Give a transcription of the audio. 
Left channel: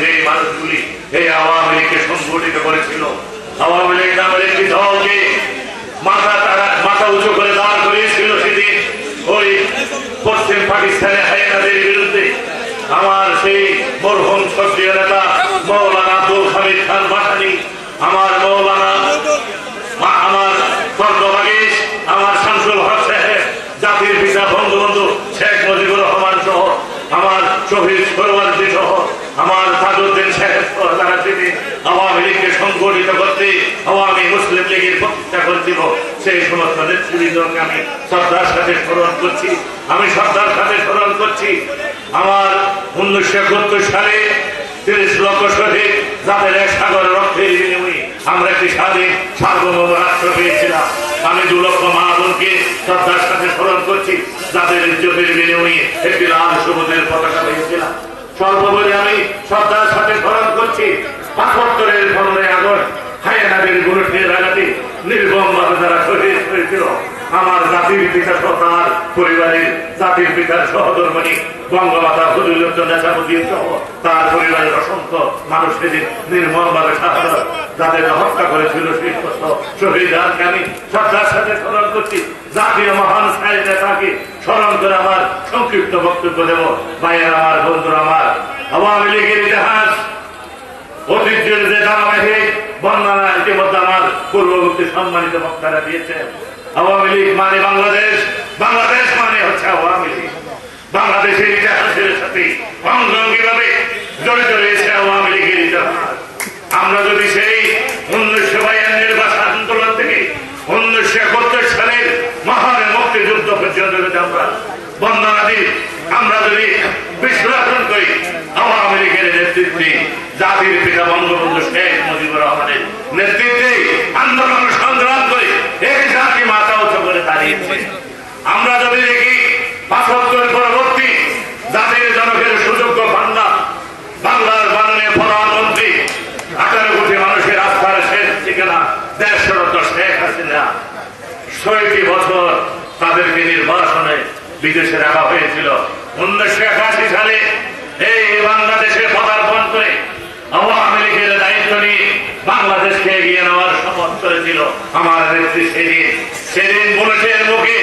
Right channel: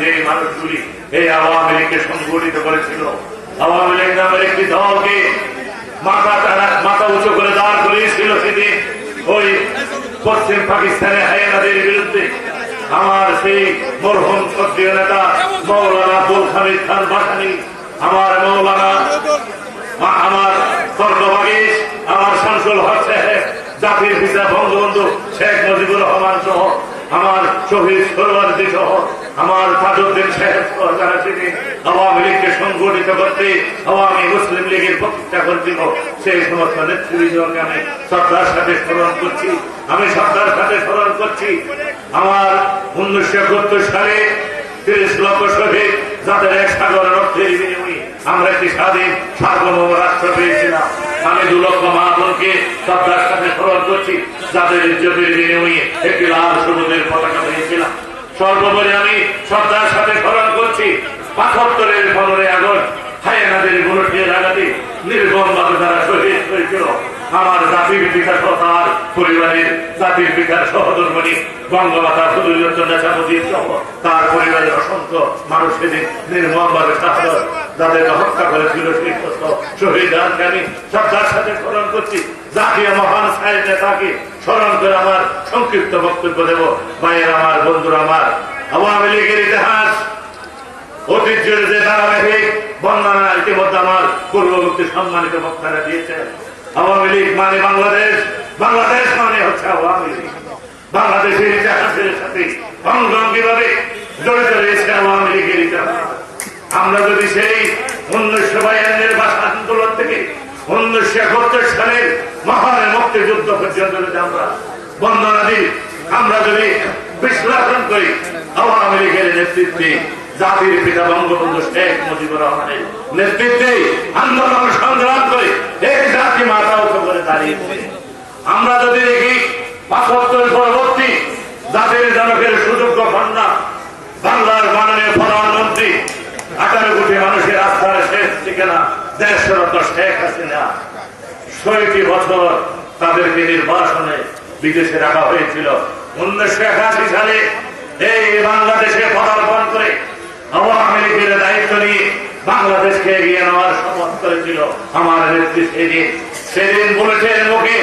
যে মানুষগুলি এই আওয়ামী লীগকে সংগঠিত করেছিল, আওয়ামী লীগ নামের একটি দলকে মাথা উঁচু করে দাঁড় করিয়েছিল সেদিন ওই পশ্চিম পাকিস্তানে হায়নাদের বিরুদ্ধে। আমার সেই মরহুম সক্রিয় নেতা মৌলানা আব্দুল হামিদ খান ভাসানী, আমার মৌলানা, আমার স্বর্গবাগীশ, আমার শামসুল হক সাহেব, জাতির পিতা বঙ্গবন্ধু শেখ মুজিবুর রহমান সহ আমার শহীদ সরওয়ারজি সহ আমার তাজউদ্দিন সাহেব তারা সেদিন আওয়ামী লীগকে সংগঠিত করতে আওয়ামী মুসলিম লীগের প্রতিষ্ঠা করেছিল। সেই সমস্ত নেতৃবৃন্দকে আমি শ্রদ্ধার সাথে স্মরণ করছি, আমি শ্রদ্ধার সাথে স্মরণ করছি। আমার 1971 সালে 30 লক্ষ শহীদ, যাদের এক সাগর রক্তের বিনিময়ে আমরা একটি স্বাধীন সার্বভৌম রাষ্ট্র পেয়েছিলাম। আমি 2 লক্ষ মা বোনকে শ্রদ্ধার সাথে স্মরণ করছি, যাদের ইজ্জতের বিনিময়ে একটি লাল সবুজের পতাকা পেয়েছিলাম। সর্বোপরি আমি শ্রদ্ধার সাথে স্মরণ করছি ৭৫-এর 15 আগস্ট হায়নাদের বুলেটের আঘাতে নির্মমভাবে যারা শহীদ হয়েছিল। আমার জাতির পিতা তার পরিবারের, জাতির পিতার সহধর্মিণী বঙ্গমাতা ফজিলাতুন্নেসা মুজিব সহ তার পরিবারের অসংখ্য মানুষ সেদিন নির্মমভাবে যাদের হত্যা করেছিল সেই শহীদকে আমি শ্রদ্ধার সাথে স্মরণ করছি। জাতীয় মহান সাহেব নেতাকে স্মরণ করে আমার সংক্ষিপ্ত বক্তব্য দেব। ভাইয়ের আমার, বন্ধুরা আমার, আওয়ামী লীগের ইতিহাস ঐতিহ্যের যে ধারাবাহিক বর্ণনা ইতিমধ্যে আমার পূর্ববর্তী সম্মানিত বক্তারা দিয়েছেন। আওয়ামী লীগ মানে বাংলাদেশ, বাংলাদেশ মানে হচ্ছে আওয়ামী লীগ। বাংলাদেশের ইতিহাসের সাথে অঙ্গাঙ্গিভাবে জড়িত রয়েছে আওয়ামী লীগের ইতিহাস। আমরা যদি সেই 1952-এর ভাষা আন্দোলন থেকে 1971 সালের মহান মুক্তিযুদ্ধ পর্যন্ত যদি আমরা বন্দনা দিই, আমরা যদি বিশ্লেষণ করি আওয়ামী লীগের নেতৃত্বে, জাতির পিতা বঙ্গবন্ধু শেখ মুজিবুর রহমানের নেতৃত্বে আন্দোলন সংগ্রাম করে এই জাতি মাথা উঁচু করে দাঁড়িয়েছে। আমরা যদি দেখি ৭৫ পরবর্তী জাতির জনকের সুযোগ্য কন্যা, বাংলার মাননীয় প্রধানমন্ত্রী, 18 কোটি মানুষের আস্থার শেষ ঠিকানা দেশরত শেখ হাসিনা, ৬০ বছর তাদেরকে নির্বাসনে বিদেশে রাখা হয়েছিল। 1981 সালে এই বাংলাদেশে পদার্পণ করে আওয়ামী লীগের দায়িত্ব নিয়ে বাংলাদেশকে এগিয়ে নেওয়ার শপথ করেছিল আমার নেত্রী। সেদিন বুলেটের মুখে